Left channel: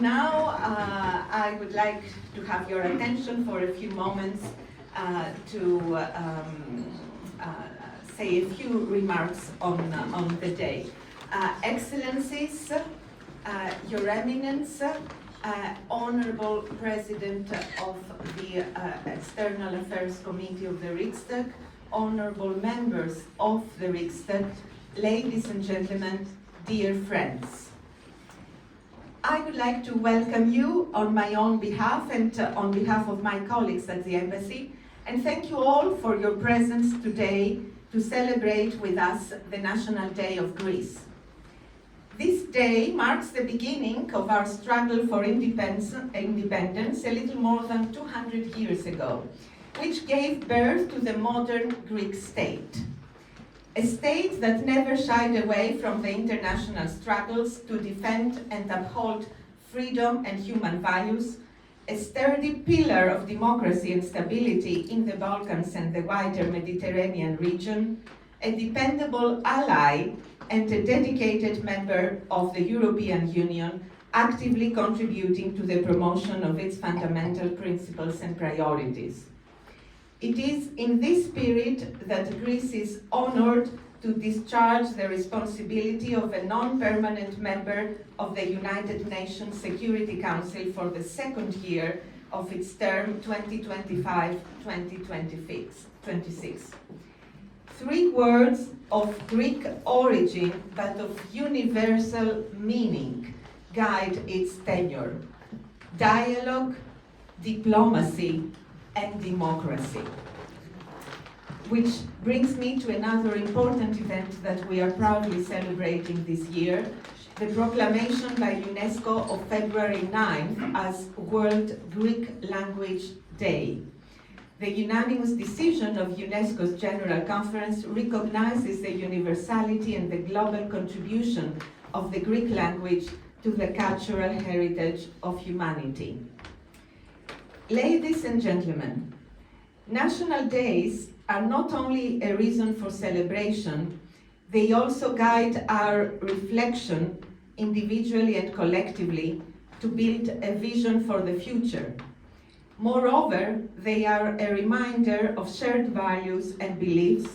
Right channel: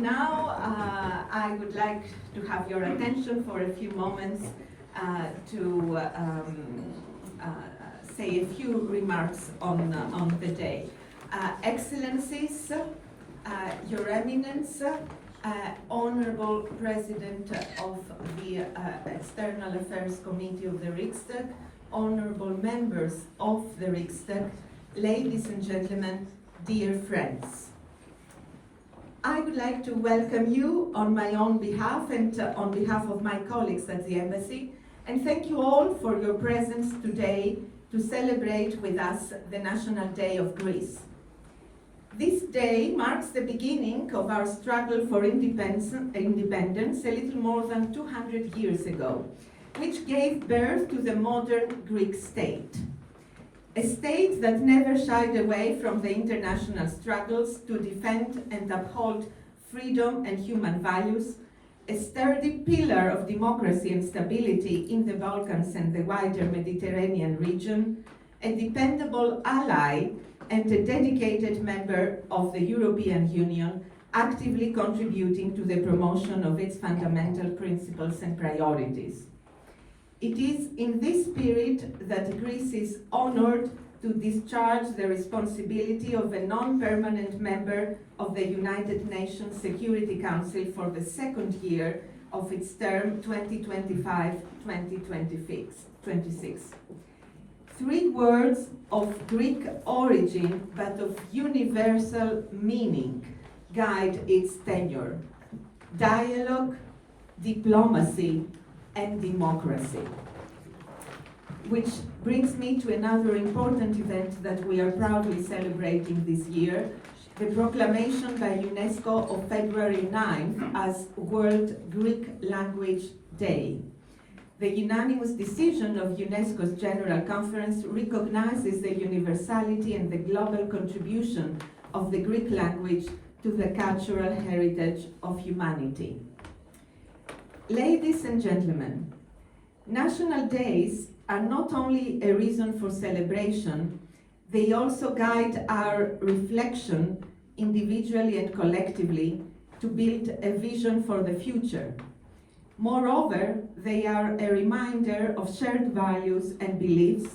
Now, I would like to have your attention for a few moments to say a few remarks on the day. Excellencies, Your Eminence, Honorable President of the External Affairs Committee of the Riksdag, honorable members of the Riksdag, ladies and gentlemen, dear friends. I would like to welcome you on my own behalf and on behalf of my colleagues at the Embassy, and thank you all for your presence today to celebrate with us the National Day of Greece. This day marks the beginning of our struggle for independence a little more than 200 years ago, which gave birth to the modern Greek state. A state that never shied away from the international struggles to defend and uphold freedom and human values, a sturdy pillar of democracy and stability in the Balkans and the wider Mediterranean region, a dependable ally and a dedicated member of the European Union, actively contributing to the promotion of its fundamental principles and priorities. It is in this spirit that Greece is honored to discharge the responsibility of a non-permanent member of the United Nations Security Council for the second year of its term 2025-2026. 3 words of Greek origin but of universal meaning guide its tenure: dialogue, diplomacy, and democracy. Which brings me to another important event that we are proudly celebrating this year, the proclamation by UNESCO of February 9th as World Greek Language Day. The unanimous decision of UNESCO's General Conference recognizes the universality and the global contribution of the Greek language to the cultural heritage of humanity. Ladies and gentlemen, national days are not only a reason for celebration, they also guide our reflection individually and collectively to build a vision for the future. Moreover, they are a reminder of shared values and beliefs,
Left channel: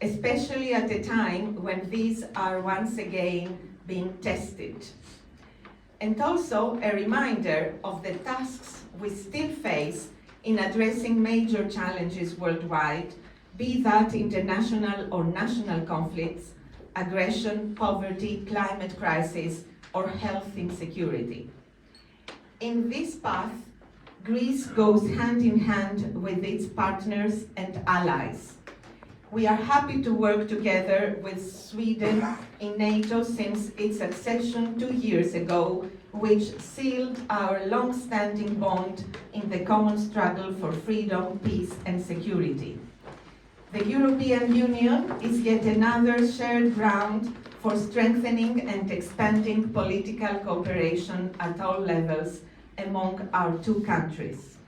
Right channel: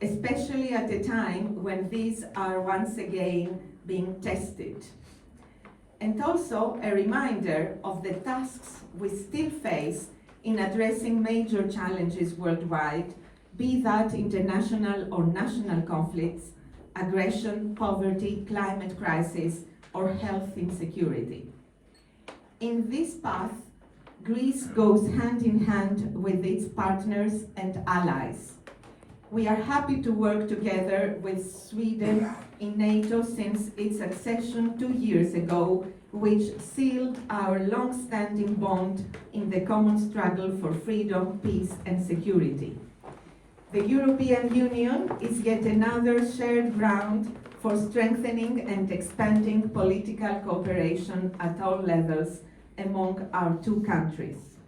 especially at a time when these are once again being tested. And also a reminder of the tasks we still face in addressing major challenges worldwide, be that international or national conflicts, aggression, poverty, climate crisis, or health insecurity. In this path, Greece goes hand in hand with its partners and allies. We are happy to work together with Sweden in NATO since its accession 2 years ago, which sealed our long-standing bond in the common struggle for freedom, peace, and security. The European Union is yet another shared ground for strengthening and expanding political cooperation at all levels among our 2 countries.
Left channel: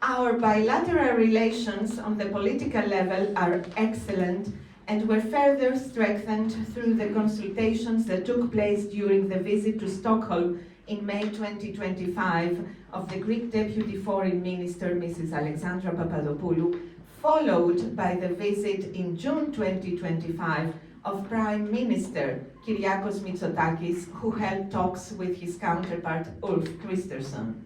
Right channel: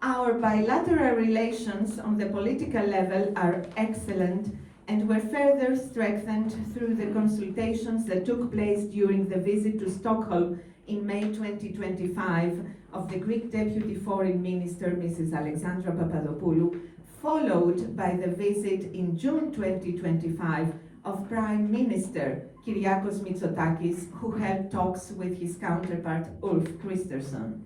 Our bilateral relations on the political level are excellent and were further strengthened through the consultations that took place during the visit to Stockholm in May 2025 of the Greek Deputy Foreign Minister, Mrs. Alexandra Papadopoulou, followed by the visit in June 2025 of Prime Minister Kyriakos Mitsotakis, who held talks with his counterpart Ulf Kristersson.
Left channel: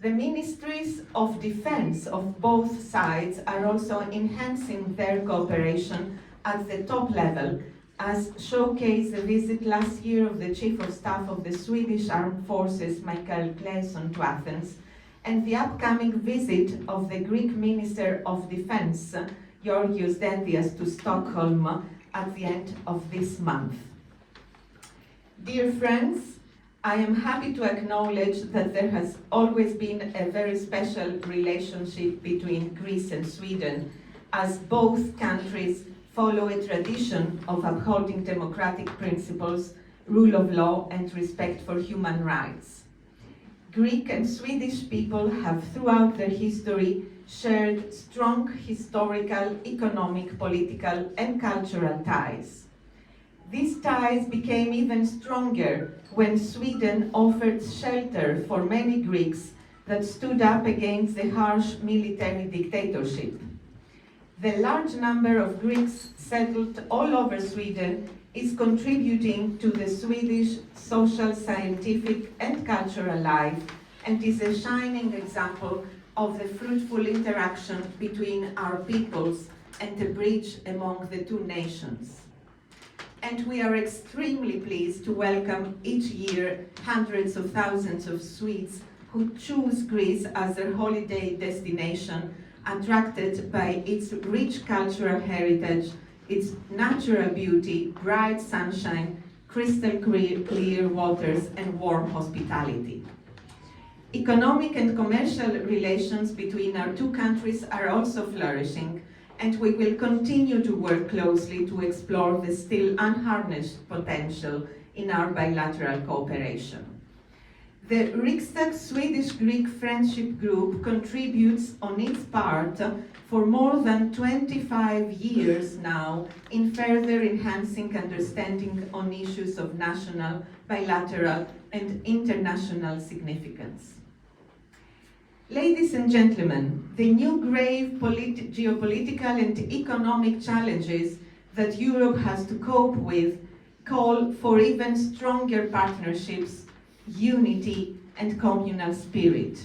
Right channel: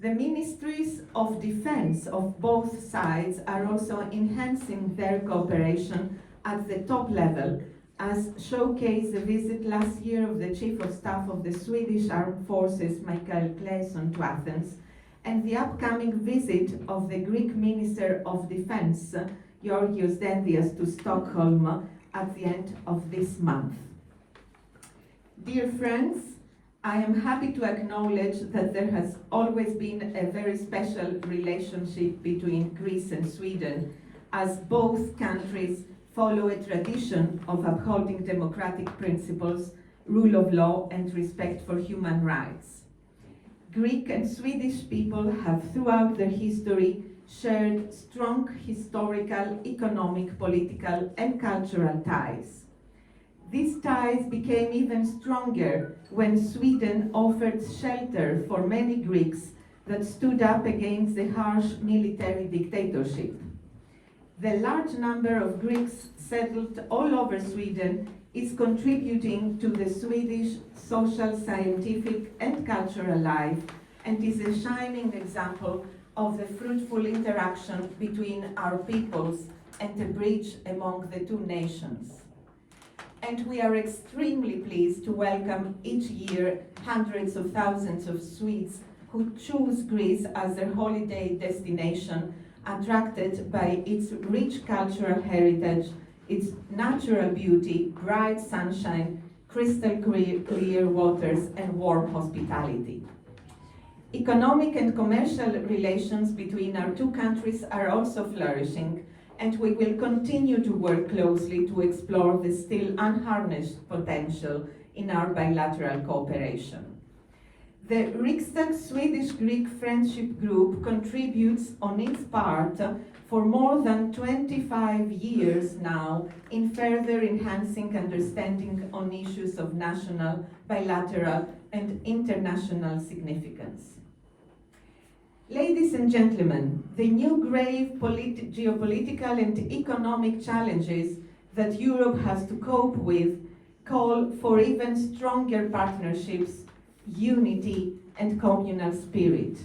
The Ministries of Defense of both sides are also enhancing their cooperation at the top level, as showcased the visit last year of the Chief of Staff of the Swedish Armed Forces, Michael Claesson, to Athens, and the upcoming visit of the Greek Minister of Defense, Georgios Dendias, to Stockholm at the end of this month. Dear friends, I am happy to acknowledge that there has always been a very special relationship between Greece and Sweden, as both countries follow a tradition of upholding democratic principles, rule of law, and respect for human rights. Greek and Swedish people have throughout their history shared strong historical, economic, political, and cultural ties. These ties became even stronger when Sweden offered shelter for many Greeks that stood up against the harsh military dictatorship. The large number of Greeks settled all over Sweden is contributing to the Swedish social, scientific, and cultural life, and is a shining example of the fruitful interaction between our peoples and the bridge among the two nations. And we are extremely pleased to welcome each year hundreds of thousands of Swedes who choose Greece as their holiday destination, attracted by its rich cultural heritage, its natural beauty, bright sunshine, crystal clear waters, and warm hospitality. Economic and commercial relations between our two countries are also flourishing, and we will continue to work closely to explore the still unharnessed potential in our bilateral cooperation. The Riksdag Swedish-Greek Friendship Group contributes on its part for more than 25 years now in further enhancing understanding on issues of national, bilateral, and international significance. Ladies and gentlemen, the new grave geopolitical and economic challenges that Europe has to cope with call for even stronger partnerships, unity, and communal spirit.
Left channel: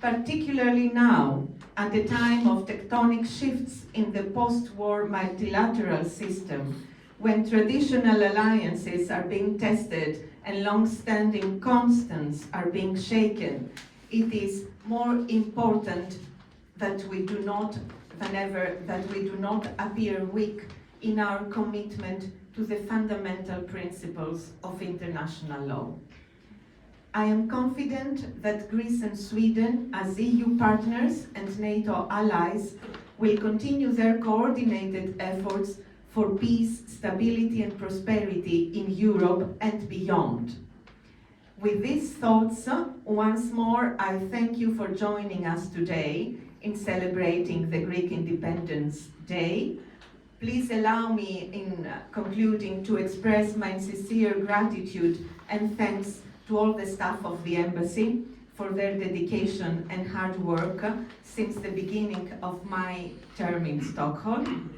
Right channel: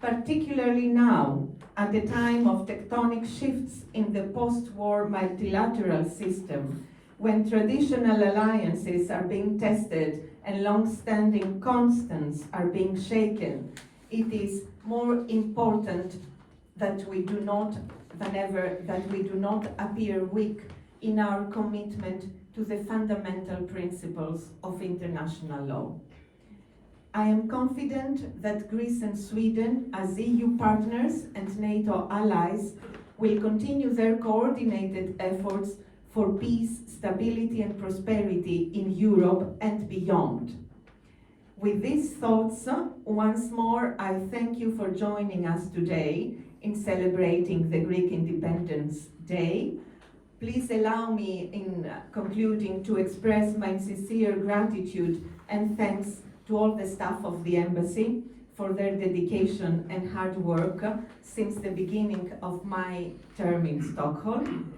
Particularly now, at a time of tectonic shifts in the post-war multilateral system, when traditional alliances are being tested and long-standing constants are being shaken, it is more important that we do not, than ever, that we do not appear weak in our commitment to the fundamental principles of international law. I am confident that Greece and Sweden, as EU partners and NATO allies, will continue their coordinated efforts for peace, stability, and prosperity in Europe and beyond. With these thoughts, once more, I thank you for joining us today in celebrating the Greek Independence Day. Please allow me, in concluding, to express my sincere gratitude and thanks to all the staff of the Embassy for their dedication and hard work since the beginning of my term in Stockholm.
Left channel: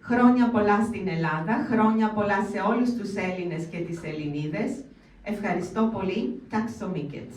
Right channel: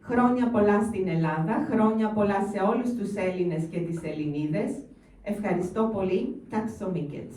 Χρόνια πολλά στην Ελλάδα, χρόνια πολλά σε όλους τους Έλληνες και τις Ελληνίδες. Ευχαριστώ πολύ. Tack så mycket.